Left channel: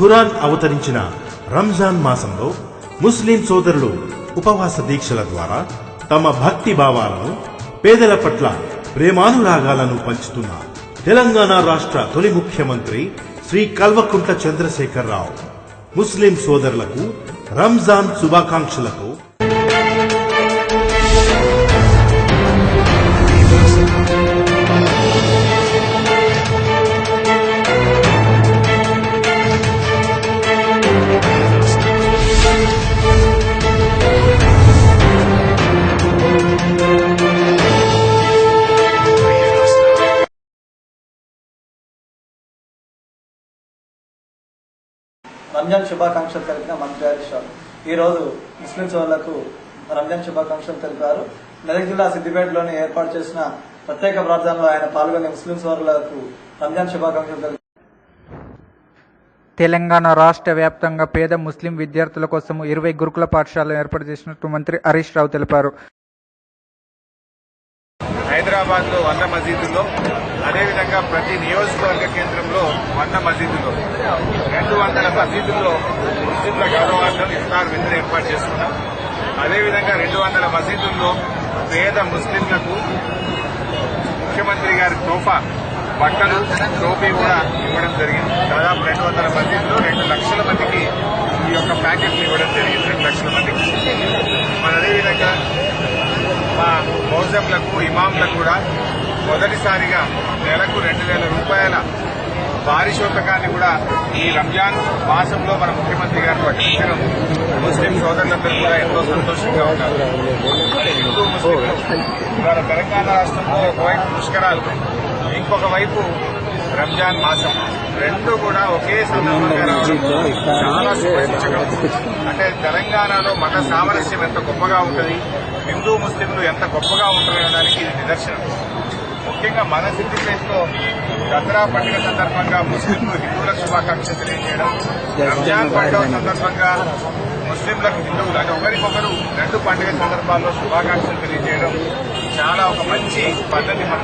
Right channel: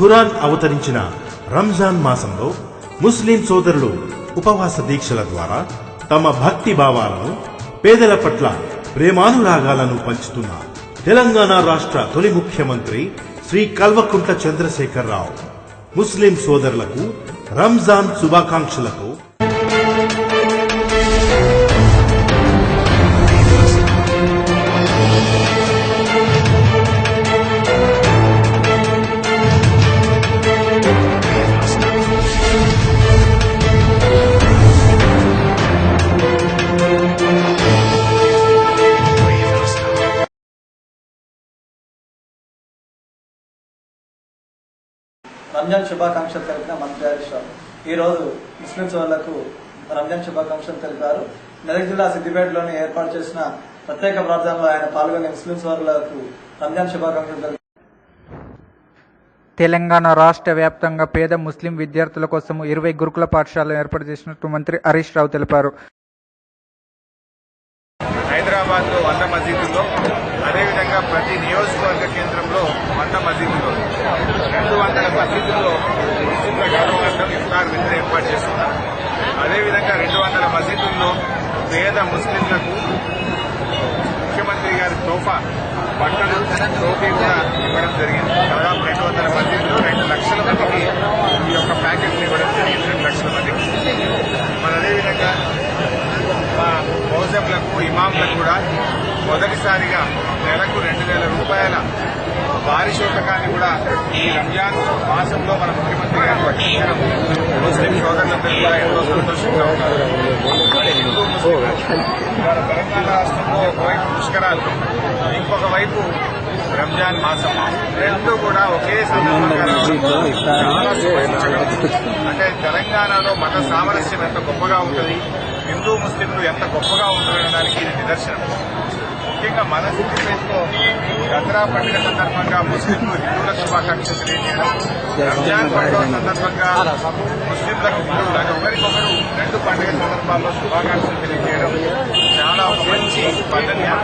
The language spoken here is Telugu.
ఖురాన్ అవతరించిన రంజాన్ మాసంలో ముస్లిం సోదరులు ఉపవాస దీక్షల ద్వారా తమ భక్తి భావాలను, పేదల పట్ల ప్రేమానురాగాలను పంచుతున్న తెలంగాణ రాష్ట్ర తొలి ముఖ్యమంత్రి శ్రీ కల్వకుంట్ల చంద్రశేఖరరావు ముస్లిం సోదరులకు రంజాన్ శుభాకాంక్షలతో రంజాన్ శుభాకాంక్షలు తెలిపిన మంత్రి హరీష్ రావు ఈ రోజు ముస్లిం సోదరులకు రంజాన్ శుభాకాంక్షలు తెలిపారు. మెదక్ జిల్లా సిద్దిపేటలోని ఏర్పాటు చేసిన ప్రత్యేక ప్రార్థనలో ఆయన పాల్గొని ముస్లిం సోదరులకు రంజాన్ శుభాకాంక్షలు తెలిపారు. తెలంగాణ రాష్ట్ర వ్యాప్తంగా పేద ముస్లిం విద్యార్థుల కోసం 20 గురుకుల పాఠశాలలు ఏర్పాటు చేసినట్టు మంత్రి హరీష్ రావు తెలిపారు. హైదరాబాద్ లో 100 మసీదుల్లో, అదేవిధంగా ప్రతి నియోజకవర్గ కేంద్రంలో 100 మసీదుల్లో, 200 మసీదుల్లో ముస్లింల గౌరవార్థం ఇఫ్తార్ విందులు ఏర్పాటు చేసుకున్నాం. అదేవిధంగా 200 మసీదుల్లో పేద ముస్లింలకు ముఖ్యమంత్రి గారి తోఫా బట్టలు, టోపీ కూడా ఇవ్వడం జరిగింది. దాదాపు 200 మసీదుల్లో 2 లక్షల మందికి ఈ యొక్క ప్యాకెట్లు ఇవ్వడం జరిగింది. 2 లక్షల మందికి. మరి అదేవిధంగా మా మౌజంలకు, ఇమాంలకు కూడా మొదటిసారిగా నెలకు 2,000 రూపాయల పారితోషికాన్ని కూడా ఈ రంజాన్ మాసంలో మన ముఖ్యమంత్రి గారు ప్రకటించడం ముస్లిం సోదరులందరూ కూడా ఎంతో సంతోషంగా ఉన్నారు. మరి హిందూ ముస్లింలు ఇవాళ తెలంగాణ రాష్ట్రంలో ఒకవైపు పుష్కరాలు, ఇంకొక వైపు రంజాన్ మాసం, రెండు కూడా ఒకే సందర్భంగా చాలా శుభసూచకం. అంటే తెలంగాణలో మత సామరస్యం ఎంత గొప్పగా ఉంటుంది, హిందూ ముస్లింలు ఎంత గొప్పగా ఉంటారనడానికి ఇది నిదర్శనం. ముఖ్యంగా మన సిద్దిపేటలో దసరా పండుగ సందర్భంగా ముస్లింలు హిందువులకు శుభాకాంక్షలు తెలియజేయడం, రంజాన్ పండుగ సందర్భంగా ముస్లింలకు హిందువులు అంటే ఒకరికొకరు 2 పండుగ సందర్భాల్లో శుభాకాంక్షలు తెలియజేయడం చాలా ఒక మంచి పద్ధతి మన